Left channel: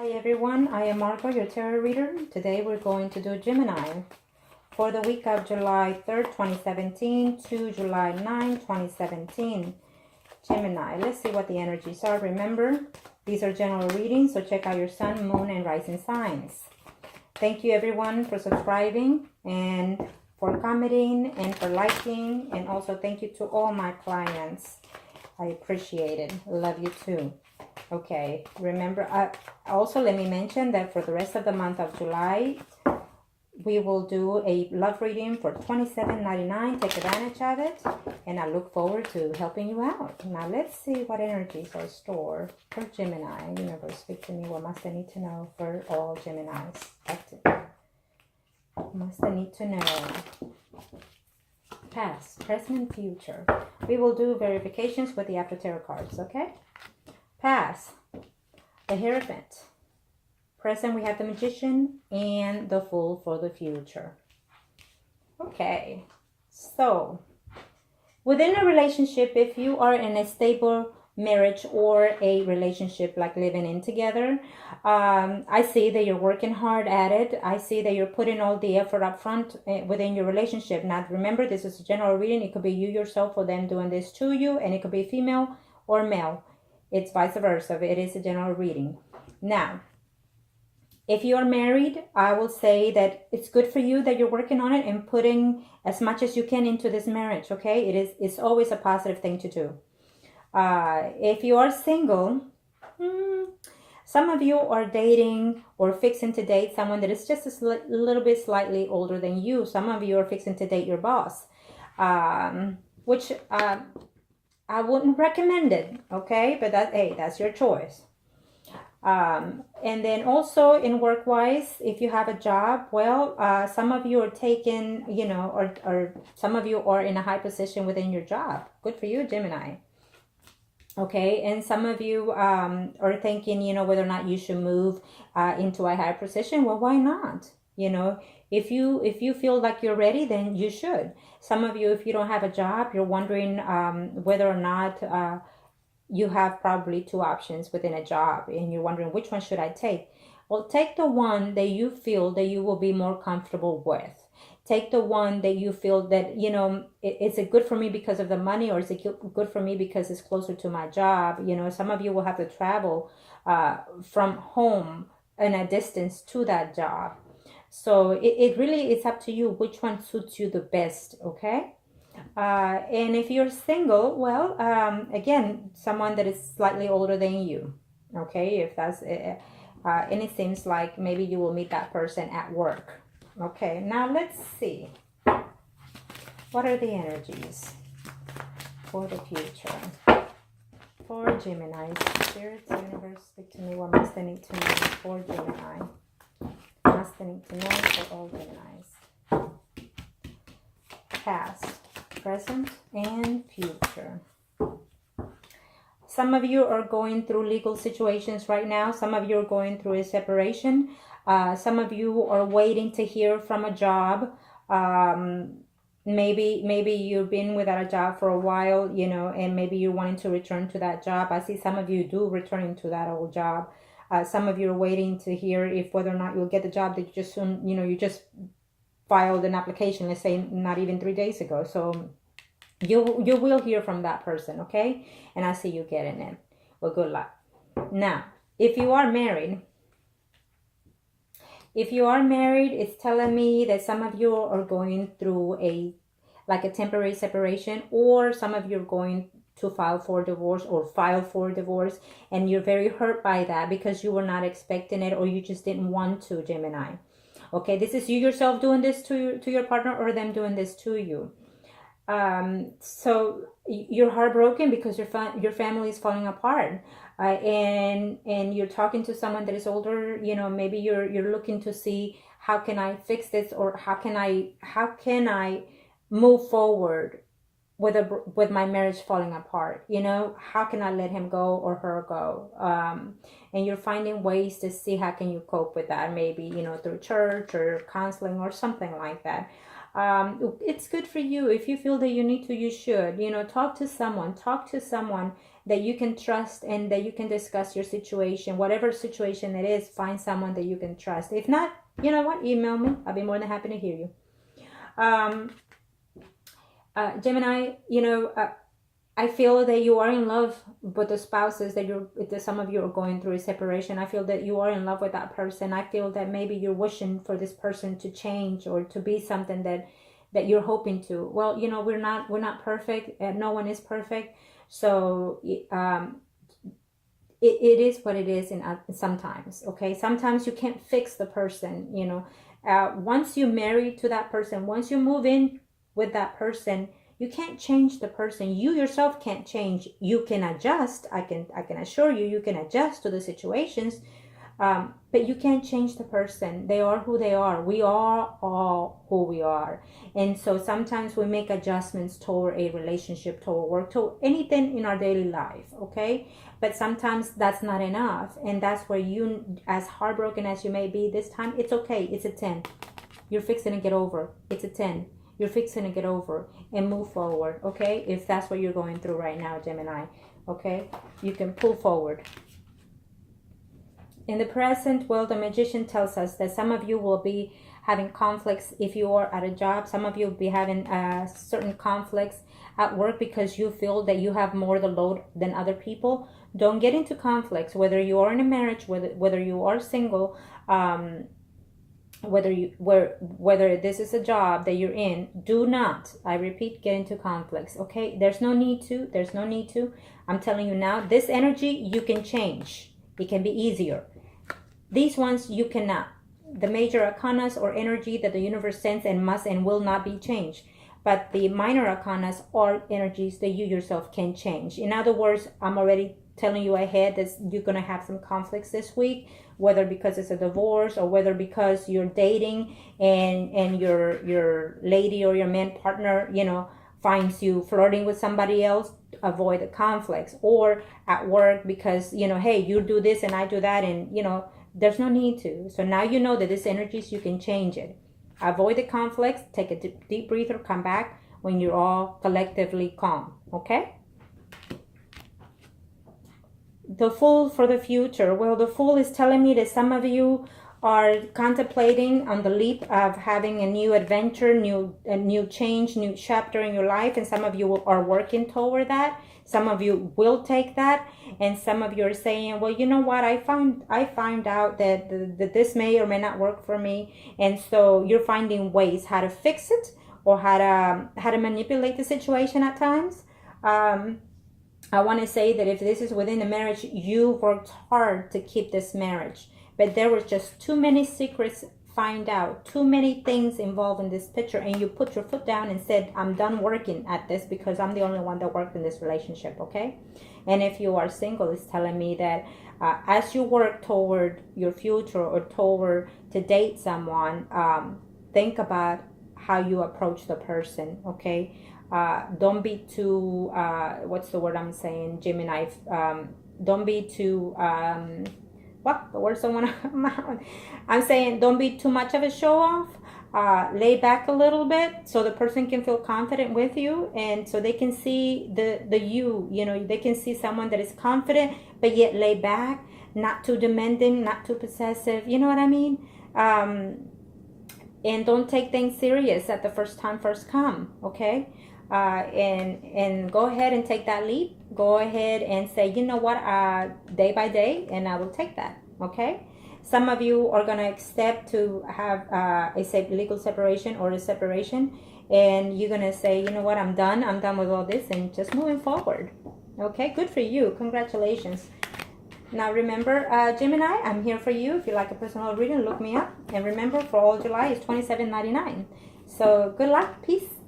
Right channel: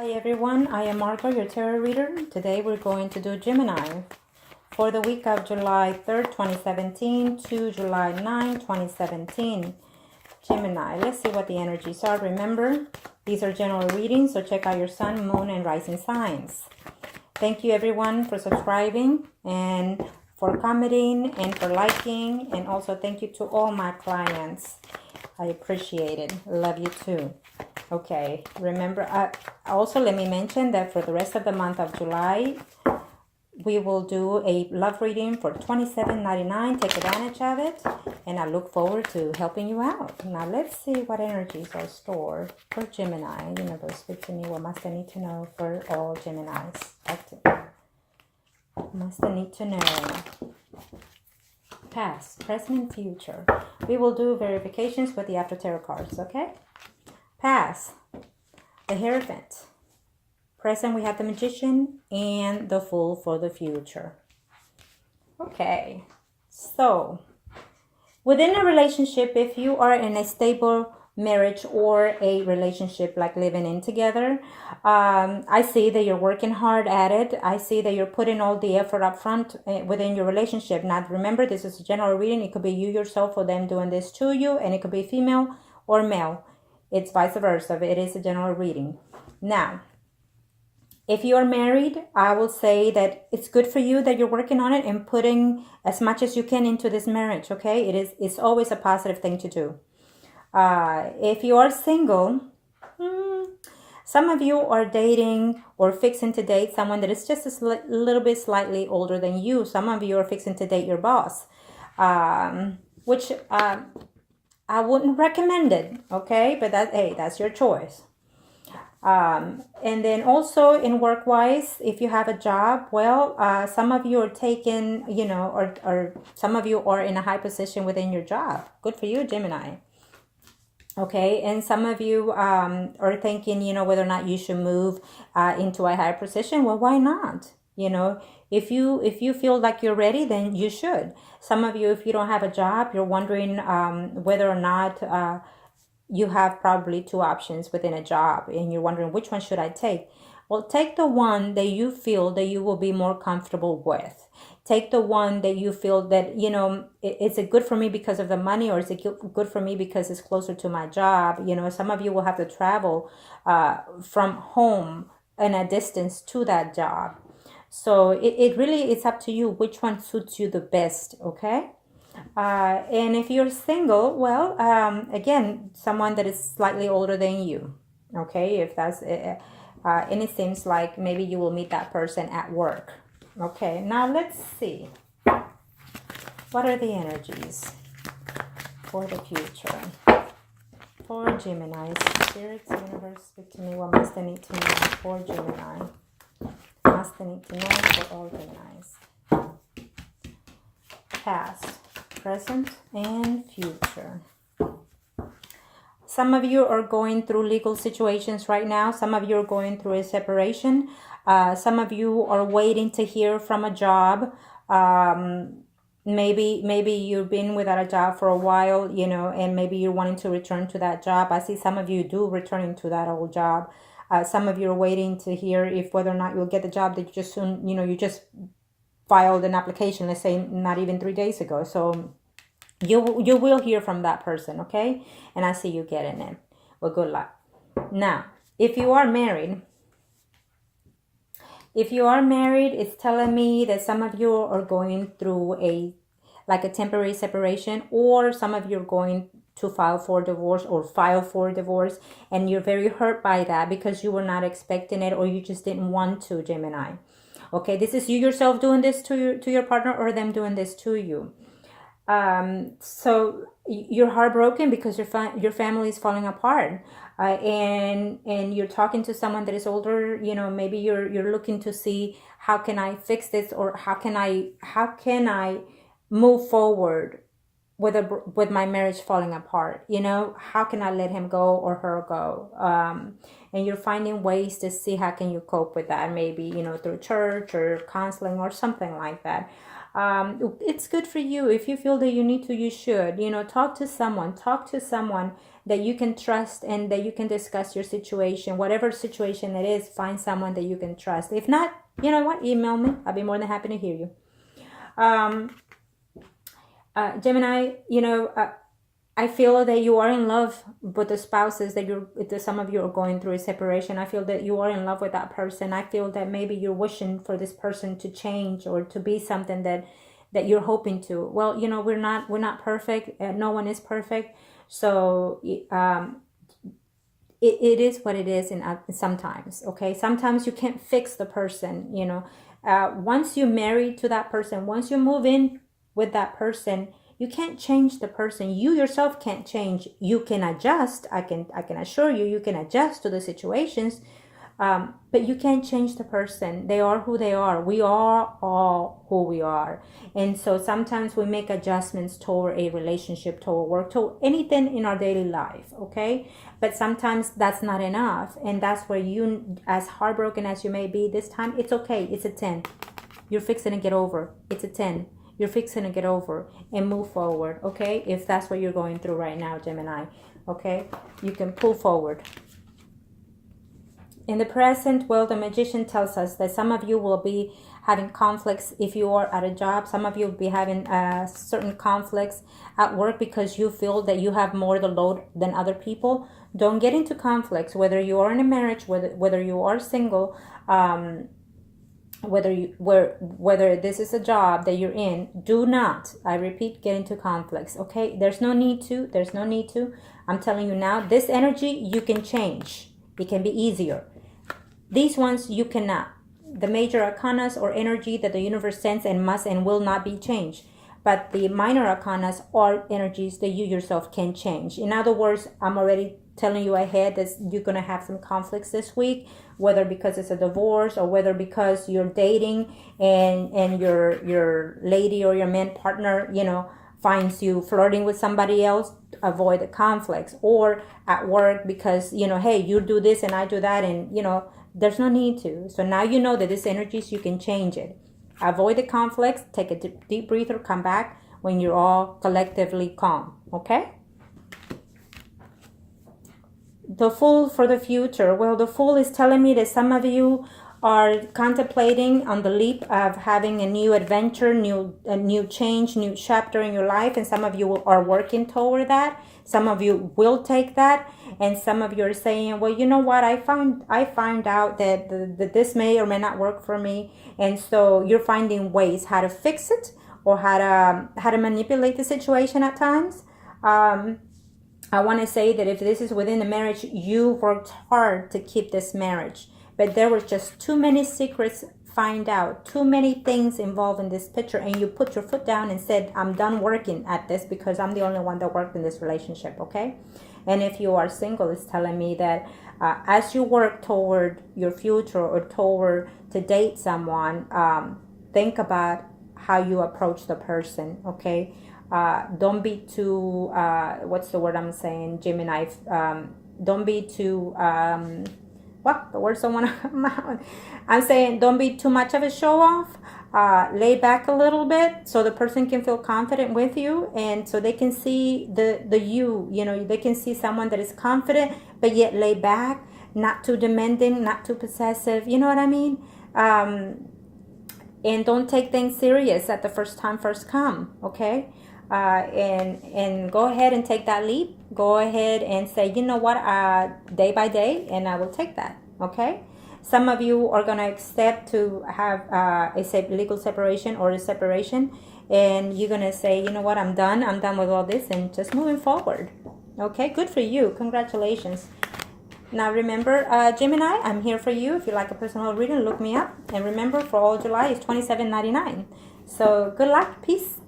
Hi everyone, I am Margo, your tarot reader. Today we're going to do Gemini for the week of July 3rd, 2017 to July 9, 2017. Gemini, let's see what the energies are. Remember, these are general readings, so check out your sun, moon, and rising signs. Thank you everyone for subscribing and for commenting and for liking, and also thank you to all my clients. I appreciate it. Love you too. Okay, remember, also let me mention that for the rest of the month of July, we will do a love reading for $27.99. Take advantage of it, and I look forward to helping you out. Now, let's see what energies are stored for Gemini. Universe, speak to me. What must I need to know for all Geminis? Active. What must I need to know? Past, present, and future. We will do verifications with the After Tarot cards, okay? Past, the Hierophant. Present, we have the Magician and the Fool for the future. Okay, so within a relationship, if you are in a stable marriage or a relationship like living in together, I see that you're working hard at it. I see that you're putting all the effort up front within your relationship. Now, remember, this is a general reading. It could be you yourself or them doing this to you, and it could be female or male. It's vice versa. It is a general reading. Now, if you are married, I will say that it's good for you that you're working on it and putting as much as you can into this marriage, okay? It's always a positive thing to do. If you are single, some of you are dating or fixing to date someone that is just a little bit slightly older than you. Some of you are fixing to date your boss, which I wouldn't recommend it, okay? But that's your choice. And then also in work-wise, if you have a job, well, some of you are taking, or some of you are in a high position within your job. Good for you, Gemini. Okay, and some of you are thinking, whether or not you should move into a higher position. Well, why not? If you feel like you're ready, then you should. Some of you, if you don't have a job, you're wondering whether or not you have probably two options within a job, and you're wondering which one should I take. Well, take the one that you feel that you will be more comfortable with. Take the one that you feel that, is it good for me because of the money, or is it good for me because it's closer to my job? Some of you will have to travel from home in a distance to that job. So it really is up to you which one suits you the best, okay? And if you're single, well, again, someone that is slightly older than you, okay? If that's and it seems like maybe you will meet that person at work. Okay, now let's see. What are the energies for the future? For Gemini, Spirit, Universe, speak to me. What must I need to know for Gemini? Must I need to know for all Geminis? Past, present, and future. Some of you are going through legal situations right now. Some of you are going through a separation. Some of you are waiting to hear from a job. Maybe you've been without a job for a while, and maybe you're wanting to return to that job. I see some of you do returning to that old job. Some of you are waiting to hear if whether or not you'll get the job that you just soon, you just filed an application, let's say not even 3 days ago. So you will hear from that person, okay? And I see you getting it. Well, good luck. Now, if you are married, it's telling me that some of you are going through a temporary separation, or some of you are going to file for divorce and you're very hurt by that because you were not expecting it, or you just didn't want to, Gemini. Okay, this is you yourself doing this to your partner, or them doing this to you. So you're heartbroken because your family is falling apart. And you're talking to someone that is older, maybe you're looking to see how can I fix this, or how can I move forward with my marriage falling apart. How can I let him go or her go? And you're finding ways to see how can you cope with that, maybe through church or counseling or something like that. It's good for you. If you feel that you need to, you should talk to someone that you can trust and that you can discuss your situation, whatever situation it is. Find someone that you can trust. If not, you know what, email me. I'll be more than happy to hear you. Gemini, I feel that you are in love with the spouses that some of you are going through a separation. I feel that you are in love with that person. I feel that maybe you're wishing for this person to change or to be something that you're hoping to. Well, we're not perfect. No one is perfect. So it is what it is. Sometimes, okay. Sometimes you can't fix the person. Once you marry to that person, once you move in with that person, you can't change the person. You yourself can't change. You can adjust. I can assure you, you can adjust to the situations, but you can't change the person. They are who they are. We are all who we are. And so sometimes we make adjustments toward a relationship, toward work, toward anything in our daily life, okay? But sometimes that's not enough. And that's where you, as heartbroken as you may be this time, it's okay. It's a 10. You're fixing to get over. It's a 10. You're fixing to get over and move forward, okay? If that's what you're going through right now, Gemini, okay? You can pull forward. In the present, well, the Magician tells us that some of you will be having conflicts if you are at a job. Some of you will be having certain conflicts at work because you feel that you have more the load than other people. Don't get into conflicts, whether you are in a marriage, whether you are single, whether this is a job that you're in. Do not, I repeat, get into conflicts, okay? There's no need to. I'm telling you now, this energy you can change. It can be easier. These ones you cannot. The major arcanas or energy that the universe sends and must and will not be changed. But the minor arcanas are energies that you yourself can change. In other words, I'm already telling you ahead that you're going to have some conflicts this week, whether because it's a divorce or whether because you're dating and your lady or your man partner, finds you flirting with somebody else. Avoid the conflicts. Or at work because, hey, you do this and I do that, and, there's no need to. So now you know that these energies, you can change it. Avoid the conflicts. Take a deep breather. Come back when you're all collectively calm. Okay? The Fool for the future. Well, the Fool is telling me that some of you are contemplating on the leap of having a new adventure, a new change, new chapter in your life, and some of you are working toward that. Some of you will take that, and some of you are saying, well, you know what, I found out that this may or may not work for me, and so you're finding ways how to fix it or how to manipulate the situation at times. I want to say that if this is within a marriage, you worked hard to keep this marriage, but there was just too many secrets find out, too many things involved in this picture, and you put your foot down and said, I'm done working at this because I'm the only one that worked in this relationship, okay? And if you are single, it's telling me that as you work toward your future or toward to date someone, think about how you approach the person, okay? Don't be too, what's the word I'm saying, Gemini? Don't be too, what? The word's someone, I'm saying don't be too much of a show off. Lay back a little bit so the person can feel confident with you, and so they can see the you, they can see someone that is confident, but yet lay back, not too demanding, not too possessive, you know what I mean? And don't take things serious at the first time, first come, okay? And go ahead and take that leap. Go ahead and say, you know what, day by day, and I will take that, okay? Some of you are going to accept to have a legal separation or a separation, and you're going to say, you know what, I'm done with all this, and just moving forward, okay? Good for you. Congratulations. Now remember, Gemini, I'm here for you. If you like a personal reading, look me up. And remember, for all July is $27.99. So good luck. Peace.